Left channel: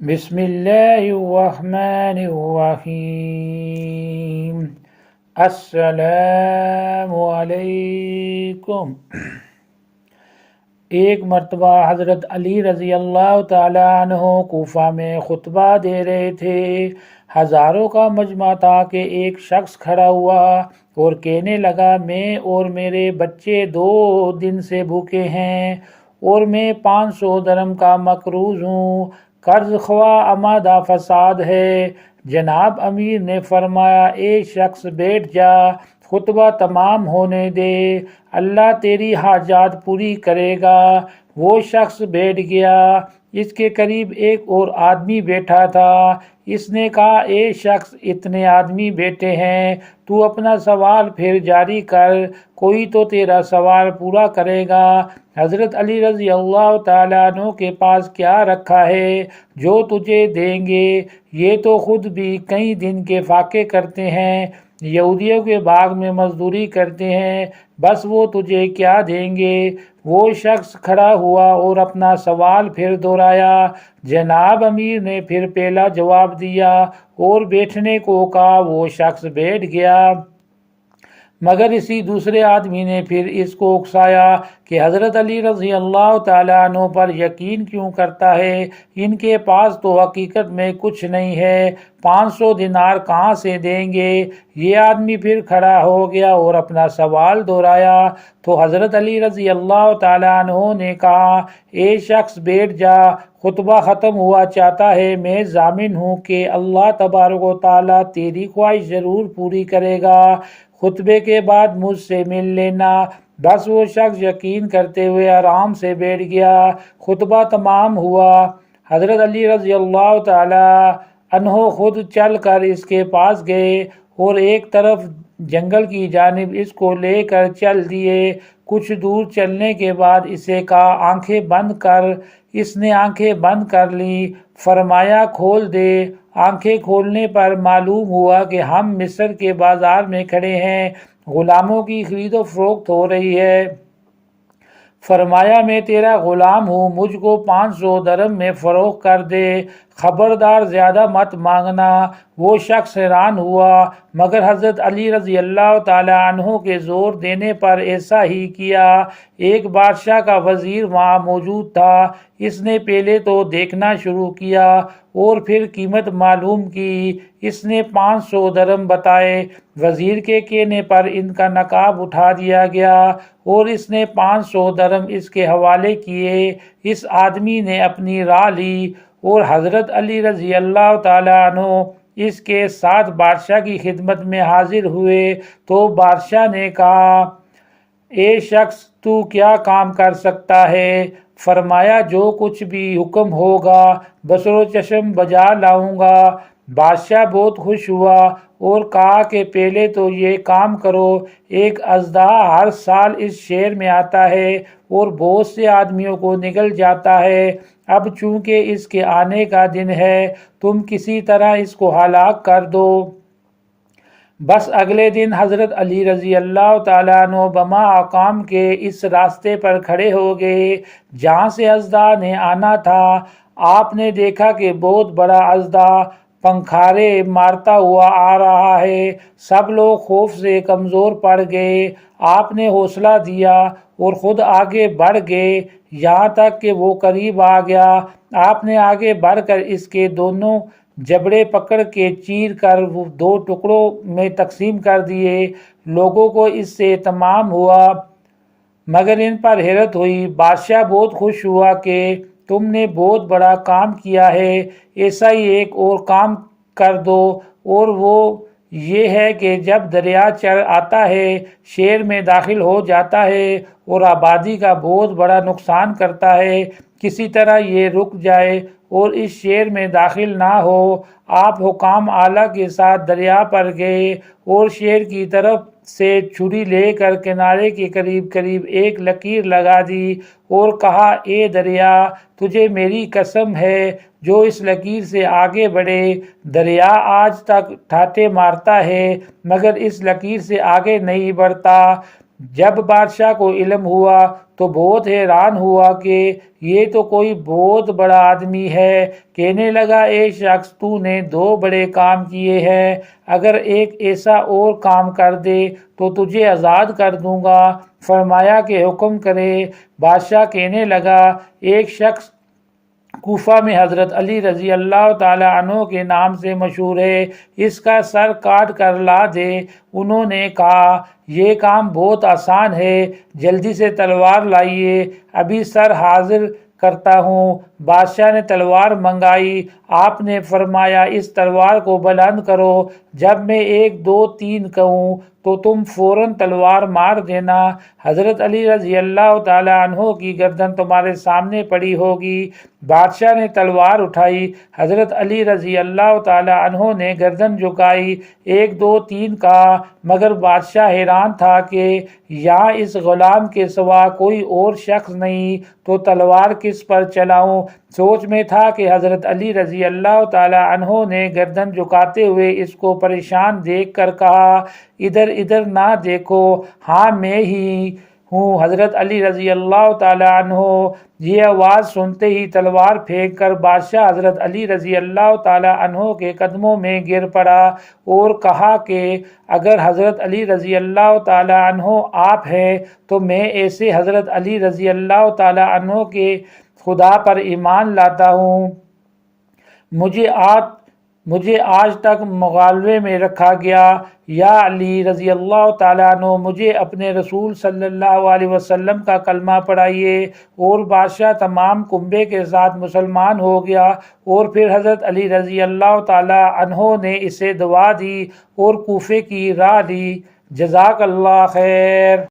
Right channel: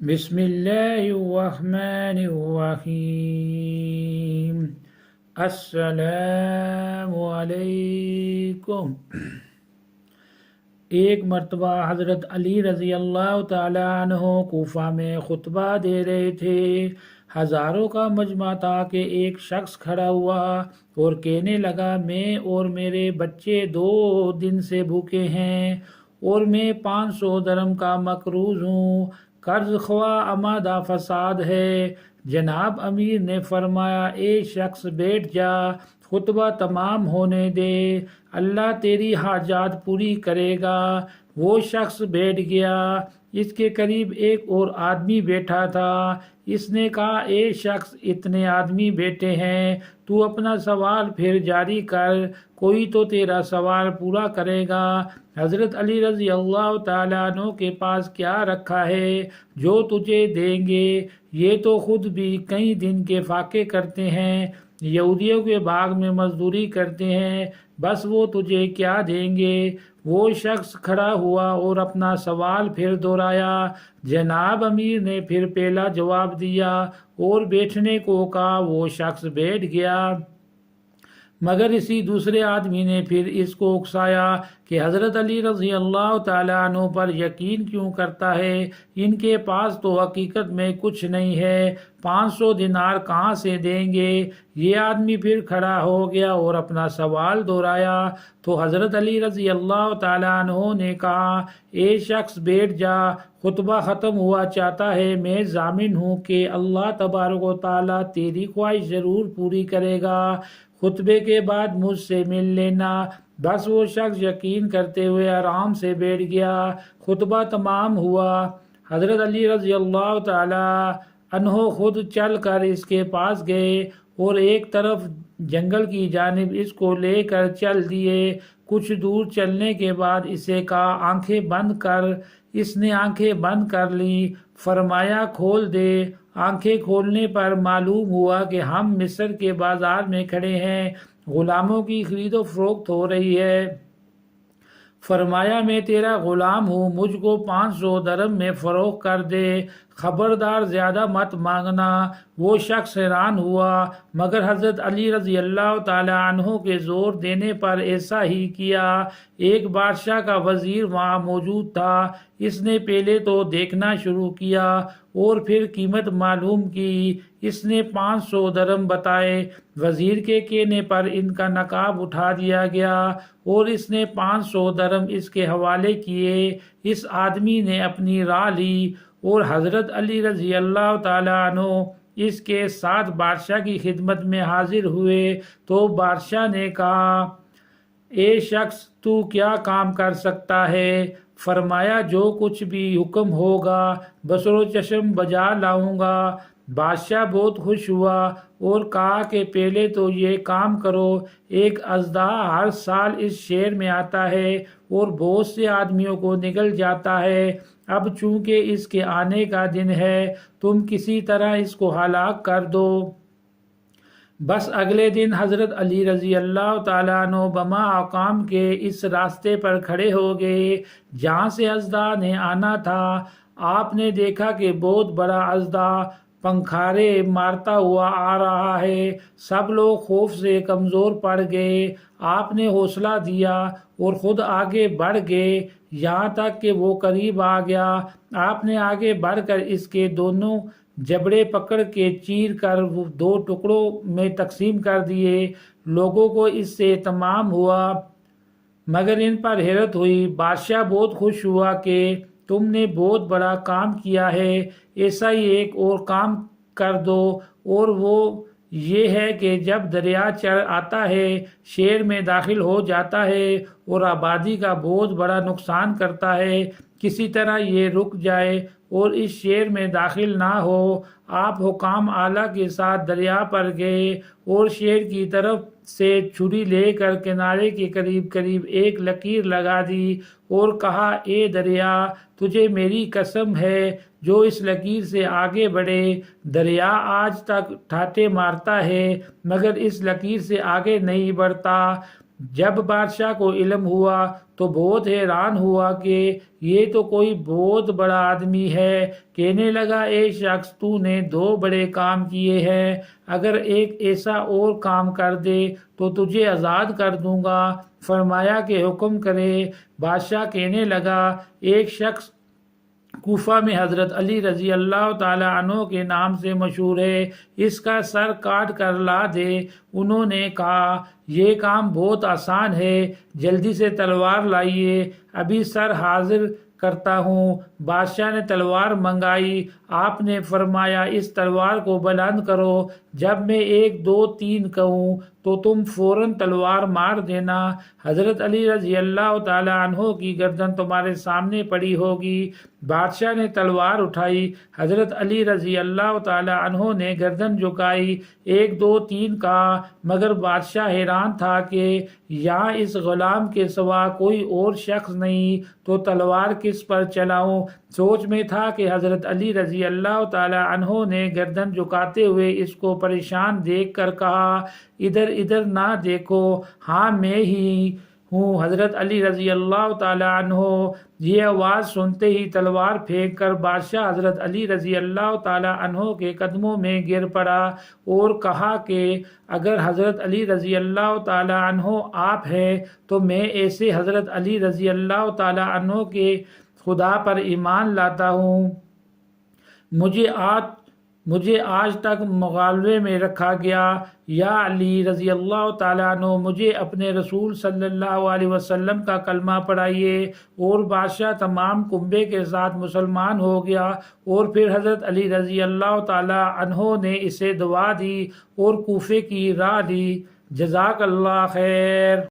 بسم اللہ الرحمن الرحیم۔ السلام علیکم۔ ایک مرتبہ حضرت علی رضی اللہ تعالیٰ عنہ کوفہ میں خطبہ دے رہے تھے۔ ہزاروں کا مجمع تھا کہ ایک شخص کھڑا ہوا اور کہنے لگا، میں اور میرے بچے 2 دن سے بھوکے ہیں اور میں 500 درم کا مقروض ہوں، قرض خواہ آمادہ فساد ہے۔ جناب امیر نے فرمایا، اے شخص بیٹھ جا، خطبہ تمام ہونے دے، اللہ تیری حاجات پوری کرے گا۔ وہ شخص بیٹھ گیا۔ اس کے قریب ایک اور آدمی بیٹھا تھا۔ اس نے کہا، اے شخص، اتنے آدمی بیٹھے ہیں، تو اپنا سوال پھر جاری کر، کوئی تو تیرا سوال پورا کرے گا۔ حضرت علی رضی اللہ تعالیٰ عنہ کے پاس کیا رکھا ہے جو تجھے دیں گے؟ یہ تو خود بھی کئی دن کے فاقے کرتے ہیں، یہودیوں کے باغ میں مزدوری کرتے ہیں، بس وہ تجھے کیا دیں گے؟ وہ شخص کھڑا ہوا اور اپنا سوال پھر دہرایا۔ جناب امیر نے پھر پہلا جواب دیا اور بیٹھنے کو کہا۔ وہ شخص بیٹھ گیا، مگر اسی دوسرے آدمی نے پھر اس کو اکسایا کہ حضرت علی رضی اللہ تعالیٰ عنہ پر یقین کیوں کرتا ہے؟ ان کے پاس تو حقیقت میں کچھ نہیں ہے، 500 دینار کہاں سے دیں گے؟ یہ آدمی پھر کھڑا ہو گیا اور اپنا سوال دہرایا تو حضرت علی رضی اللہ تعالیٰ عنہ نے کہا، اے شخص بیٹھ جا، خطبہ ختم ہوا چاہتا ہے، میں ضامن ہوں کہ اللہ تبارک و تعالیٰ تیری خواہش ضرور پوری کرے گا، خطبے کے بعد مجھ سے مل لینا۔ بس وہ شخص یقین کرتے ہوئے آرام سے بیٹھ گیا۔ خطبہ تمام ہوا۔ حضرت علی رضی اللہ تعالی عنہ خود چل کر اس کے پاس گئے اور ایک طرف جنگل کی جانب اس کو لے کر چل دیے۔ کچھ دور چلنے کے بعد اسے کہا، آنکھیں بند کر۔ اس نے آنکھیں بند کر لیں۔ فرمایا، کھول دے۔ آنکھیں کھولنے پر معلوم ہوا کہ ہم مصر کے بازار میں کھڑے ہیں، غلاموں کی خرید و فروخت ہو رہی ہے۔ فرمایا، میں تیرا غلام ہوں، مجھ کو 500 درم میں فروخت کر دے، خبردار زیادہ مت مانگنا۔ وہ شخص حیران ہوا، مگر حضرت علی رضی اللہ تعالیٰ عنہ کے زور دینے پر ایسا ہی کیا۔ ایک بادشاہ کا وزیر وہاں موجود تھا۔ اس نے پہلے تو دیکھنا شروع کیا اور پھر قیمت معلوم کی۔ اس نے 500 درم بتائے۔ وزیر کے کہنے پر ان کا نقاب اٹھا دیا گیا اور اس نے 500 درم اس کے حوالے کیے۔ اس آدمی نے اپنی راہ لی اور حضرت علی رضی اللہ تعالیٰ عنہ اس کے ساتھ بادشاہ کی خدمت میں حاضر ہوئے تو بادشاہ نے کہا، اے شخص، تو کیا کام کر سکتا ہے؟ فرمایا، جو کچھ بھی حکم ہوگا بصر و چشم بجا لاؤں گا۔ بادشاہ بہت خوش ہوا اور کہا کہ پہلے تو یہ کام کرو، ایک اژدہا ہر سال اس شہر میں آتا ہے اور بہت سے آدمیوں کو نگل جاتا ہے، اب چونکہ اس کے آنے کا دن ہے، تم کسی طرح اس کو ہلاک کر دو۔ بس اگلے دن حضرت علی رضی اللہ تعالیٰ عنہ بما اقام کے اس راستے پر کھڑے ہو گئے جہاں سے اژدہا نے آنا تھا۔ آپ نے دیکھا کہ بہت بڑا اژدہا پنکھارے مارتا ہوا آ رہا ہے۔ سب لوگ خوف سے کمزور پڑ گئے۔ آپ نے حوصلہ دیا اور خود آگے بڑھ گئے یہاں تک کہ وہ قریب آ گیا۔ آپ نے آگے بڑھ کر اس کے دونوں جبڑے پکڑ کے چیر کر 2 ٹکڑوں میں تقسیم کر دیے۔ لوگوں کو اس سے اطمینان ہوا مگر ان پر حیرت ہوئی۔ بادشاہ بہت خوش ہوا کہ تم نے بہت بڑا کام کیا ہے، ایسا ہی ایک اور کام کر دو، اور وہ یہ ہے کہ جب دریا چڑھ آتا ہے، شہر میں داخل ہو جاتا ہے اور آبادی کا بہت بڑا نقصان کرتا ہے، کسی طرح یہ رک جائے اور اس شہر میں داخل نہ ہو۔ آپ حکام اعلیٰ کے ساتھ دریا پر گئے اور شہر کی طرف سے چھری لے کر کنارے کے قریب قریب ایک لکیر لگا دی اور کہا، اے دریا، تجھے میری قسم ہے جو اس لکیر سے آگے بڑھے۔ دریا آج تک ٹھاٹھے مارتا ہے مگر اس لکیر سے آگے نہیں بڑھتا۔ جب بادشاہ کو علم ہوا تو بہت حیران ہوا کہ یہ تو کوئی بہت بڑا آدمی ہے۔ کہنے لگا اے شخص، تو نے 2 بڑے کام کیے ہیں، اگر ایک ایسا اور کام کر دے تو تجھے آزاد کر دوں گا۔ فرمایا کہ حکم کرے۔ بادشاہ کہنے لگا ایک شخص کوفہ میں حضرت علی رضی اللہ تعالی عنہ کے نام سے مشہور ہے، اس کا سر کاٹ کر لا دے۔ انہوں نے کہا یہ کام بہت آسان ہے، جلدی سے تلوار لائیے، ابھی سر حاضر کرتا ہوں۔ بادشاہ نے تلوار منگائی۔ آپ نے فرمایا اس تلوار کو بلند کرو، جب میں 1 2 3 کہوں تو تم فوراً تلوار مار دینا، حضرت علی رضی اللہ تعالی عنہ کی گردن تمہارے سامنے پڑی ہوگی۔ بادشاہ نے تلوار اٹھائی، حضرت علی رضی اللہ تعالی عنہ نے گردن جھکائی، 1 2 3 کہا، مگر بادشاہ حیران تھا کہ یہاں اس غلام کے سوا کوئی اور شخص نہیں، تو تلوار کس پر چلاؤں؟ سوچ میں تھا کہ حضرت علی رضی اللہ تعالی عنہ نے گردن جھکاتے ہوئے اس کو پریشان دیکھ کر کہا ادھر ادھر نہ دیکھو، ہاں میں ہی ہوں حضرت علی رضی اللہ تعالی عنہ۔ یہ آواز سنتے ہی تلوار پھینک کر بادشاہ حضرت علی رضی اللہ تعالی عنہ کے قدموں میں گر پڑا اور کہا کہ اگر حضرت علی رضی اللہ تعالی عنہ آپ ہیں تو میں ایسے حضرت علی رضی اللہ تعالی عنہ کے خدا پر ایمان لاتا ہوں۔ مجھے آج تک مغالوے میں رکھا گیا، یا علی رضی اللہ تعالیٰ عنہ مجھے اپنے رسول صلی اللہ علیہ وسلم کا کلمہ پڑھائیے۔ اور بادشاہ تمام کنبے کے ساتھ مسلمان ہو گیا، اور پھر حضرت علی رضی اللہ تعالیٰ عنہ نے اسے دعا دی اور کوفے کی راہ لی۔ جزاک اللہ خیر۔